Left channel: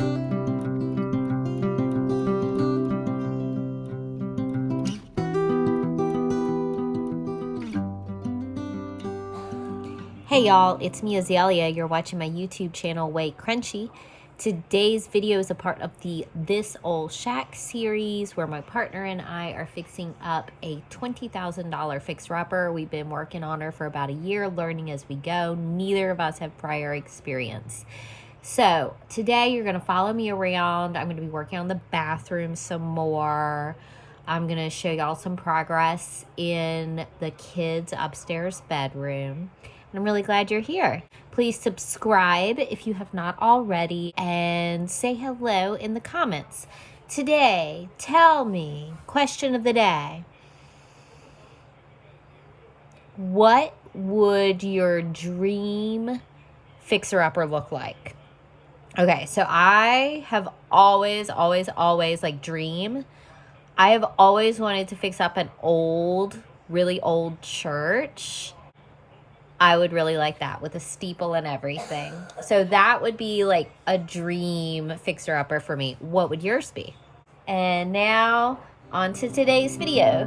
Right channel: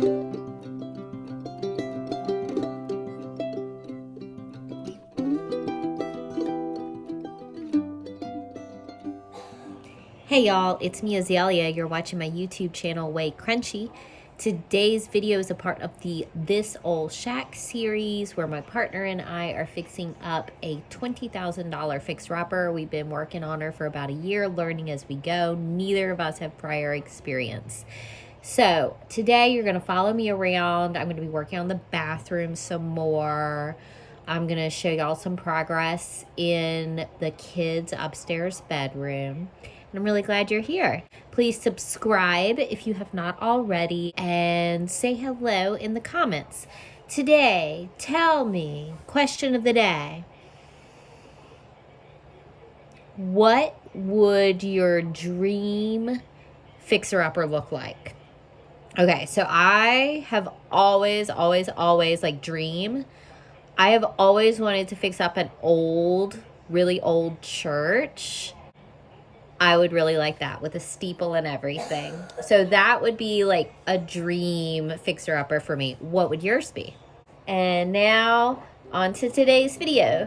Hey y'all, it's me Azalea. You're watching my YouTube channel WayCrunchy. Today's video is a part of the This Old Shack series where my partner and I are fixing up a $20,000 fixer-upper. We've been working on her for about a year, learning as we go. Neither of us have prior experience. So today you're going to follow me around. I'm going to be working on the bathroom some more. I'm going to show y'all some progress in the kids' upstairs bedroom. I'm really glad you're here. Please subscribe if you have not already and say hello in the comments. Today, tell me, question of the day. What would your dream fixer-upper look like? Okay, so I have always dream. I have always wanted to fix up an old, really old church. I would really like that with a steeple and everything. So that would be like a dream fixer-upper for me. What would yours be? And now on to today's video.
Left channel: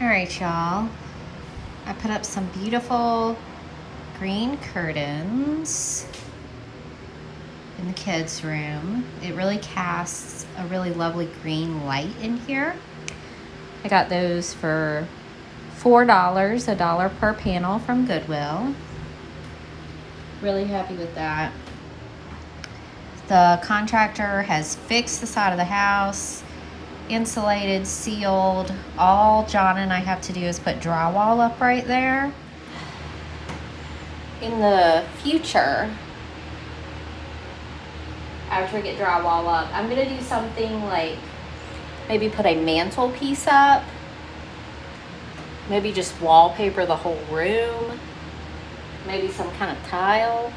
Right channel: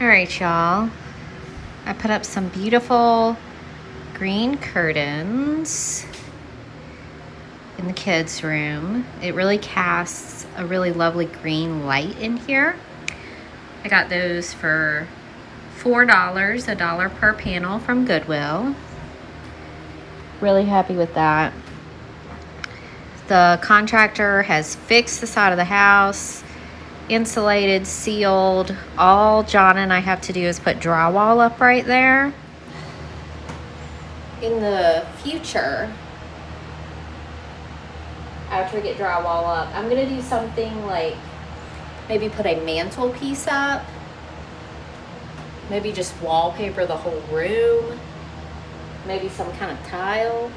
All right, y'all. I put up some beautiful green curtains in the kids' room. It really casts a really lovely green light in here. I got those for $4, $1 per panel from Goodwill. Really happy with that. The contractor has fixed the side of the house, insulated, sealed. All John and I have to do is put drywall up right there. In the future, after we get drywall up, I'm gonna do something like maybe put a mantelpiece up Maybe just wallpaper the whole room. Maybe some kind of tile.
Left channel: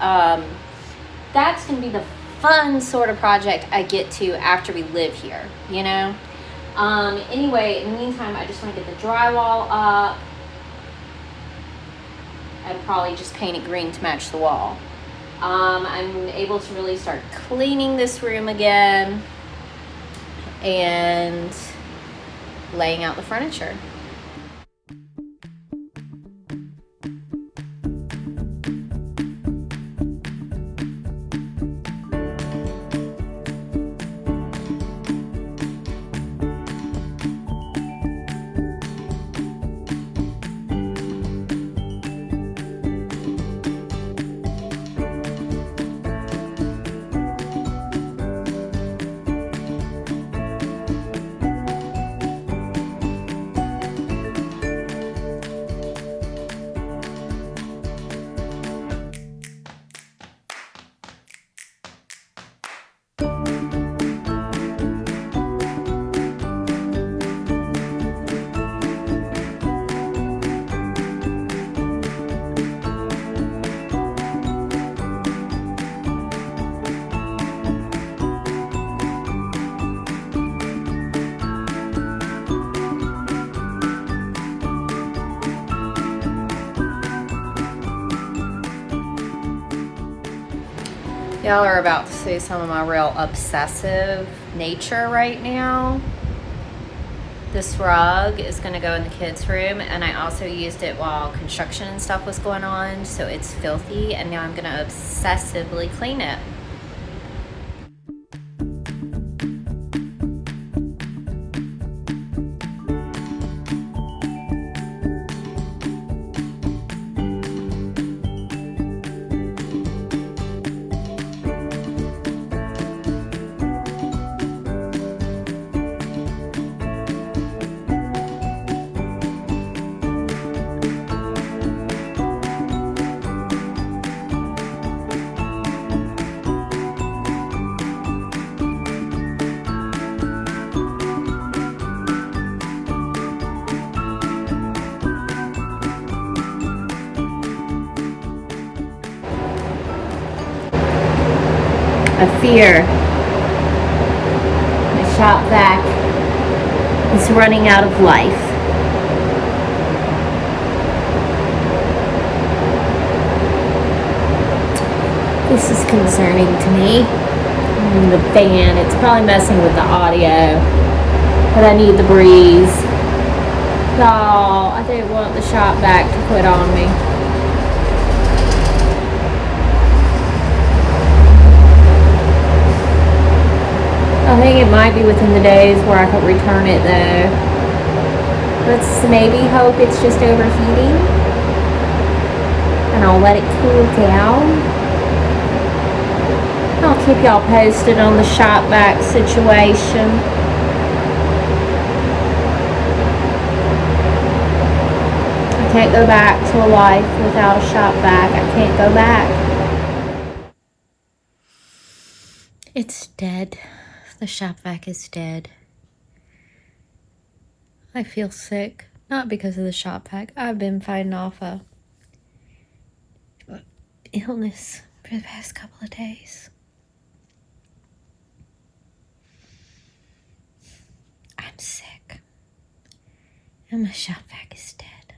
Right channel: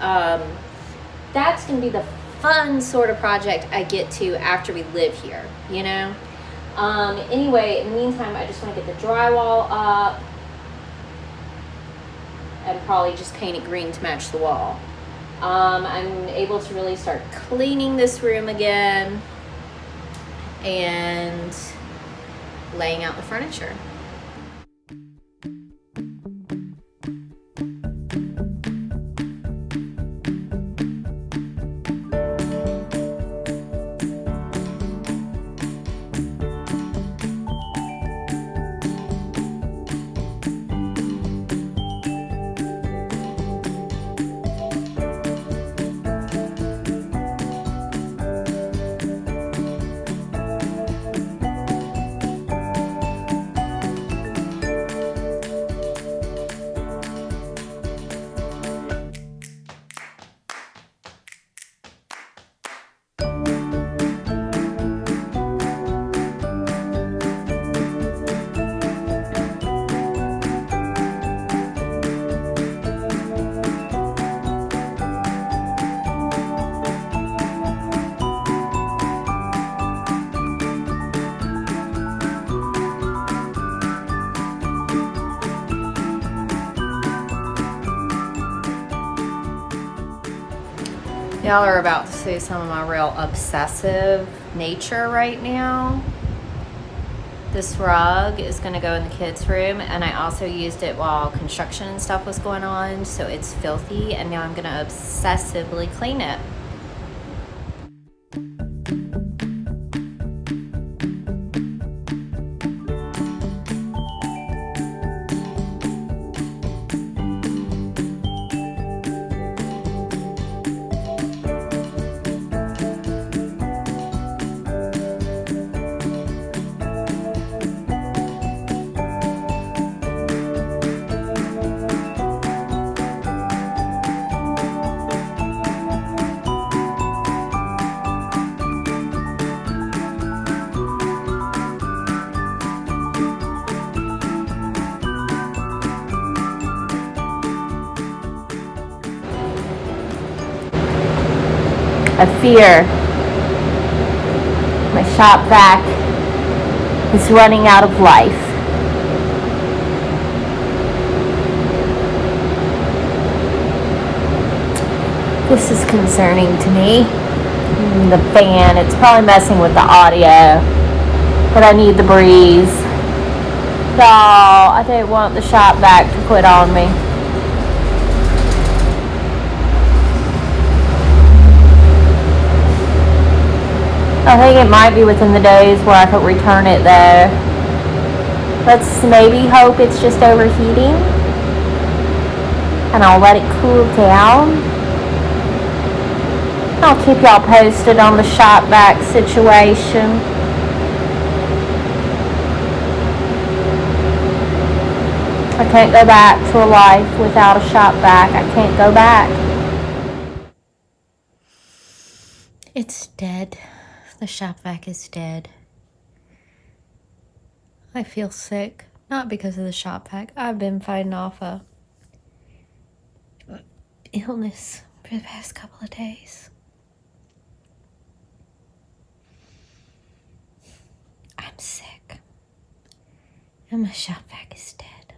That's gonna be the fun sort of project I get to after we live here, you know? Anyway, in the meantime, I just want to get the drywall up and probably just paint it green to match the wall. I'm able to really start cleaning this room again and laying out the furniture. Y'all are about to see some of my real obsessive nature right now. This rug is gonna go in the kids' room, and I also used it while construction and stuff was going on, so it's filthy, and now I'm gonna obsessively clean it. I fear my shop vac is running out of life. This is concerning to me. The fan, it's probably messing with the audio, but I need the breeze. Y'all, I don't want the shop vac to quit on me. I think it might be within the days where I could return it though. Let's maybe hope it's just overheating. And I'll let it cool down. I'll keep y'all posted on the shop vac situation. I can't go back to a life without a shop vac. I can't go back. It's dead. The shop vac is dead. I feel sick. Not because of the shop vac. I've been fighting off a illness for the past couple of days. I'm sick. And my shop vac is dead.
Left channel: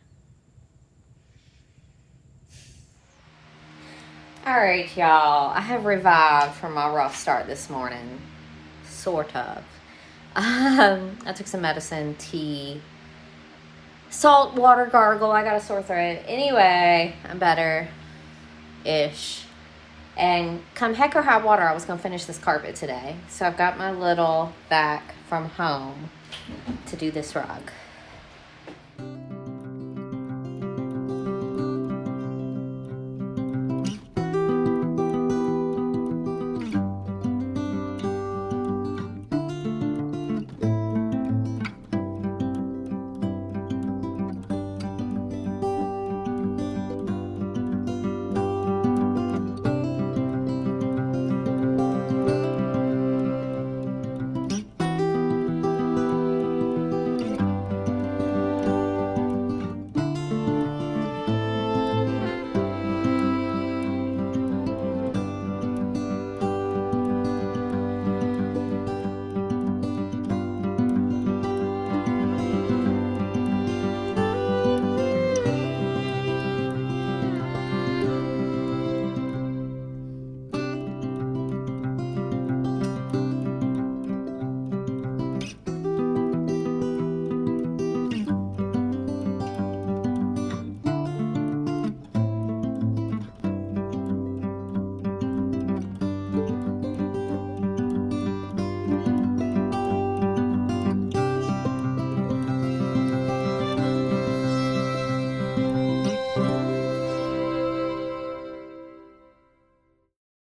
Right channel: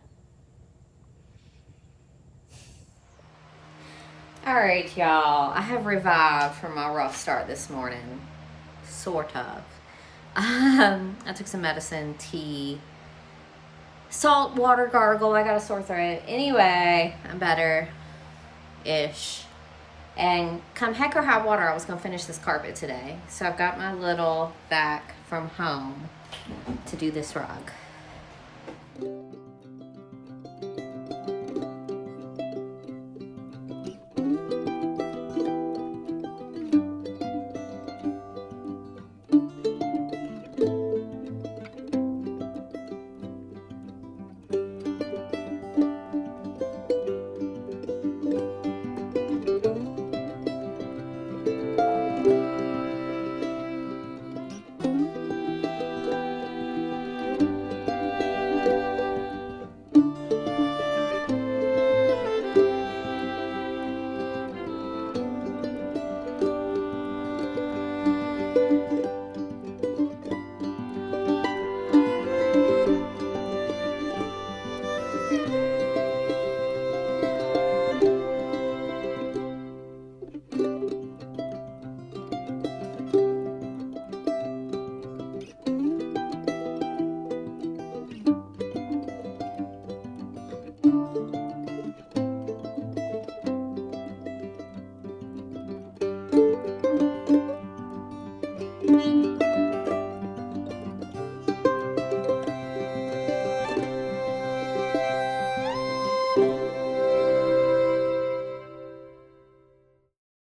Alright, y'all. I have revived from my rough start this morning. Sort of. I took some medicine, tea, salt water gargle. I got a sore throat. Anyway, I'm better-ish. And come heck or high water, I was going to finish this carpet today. So I've got my little vac from home to do this rug.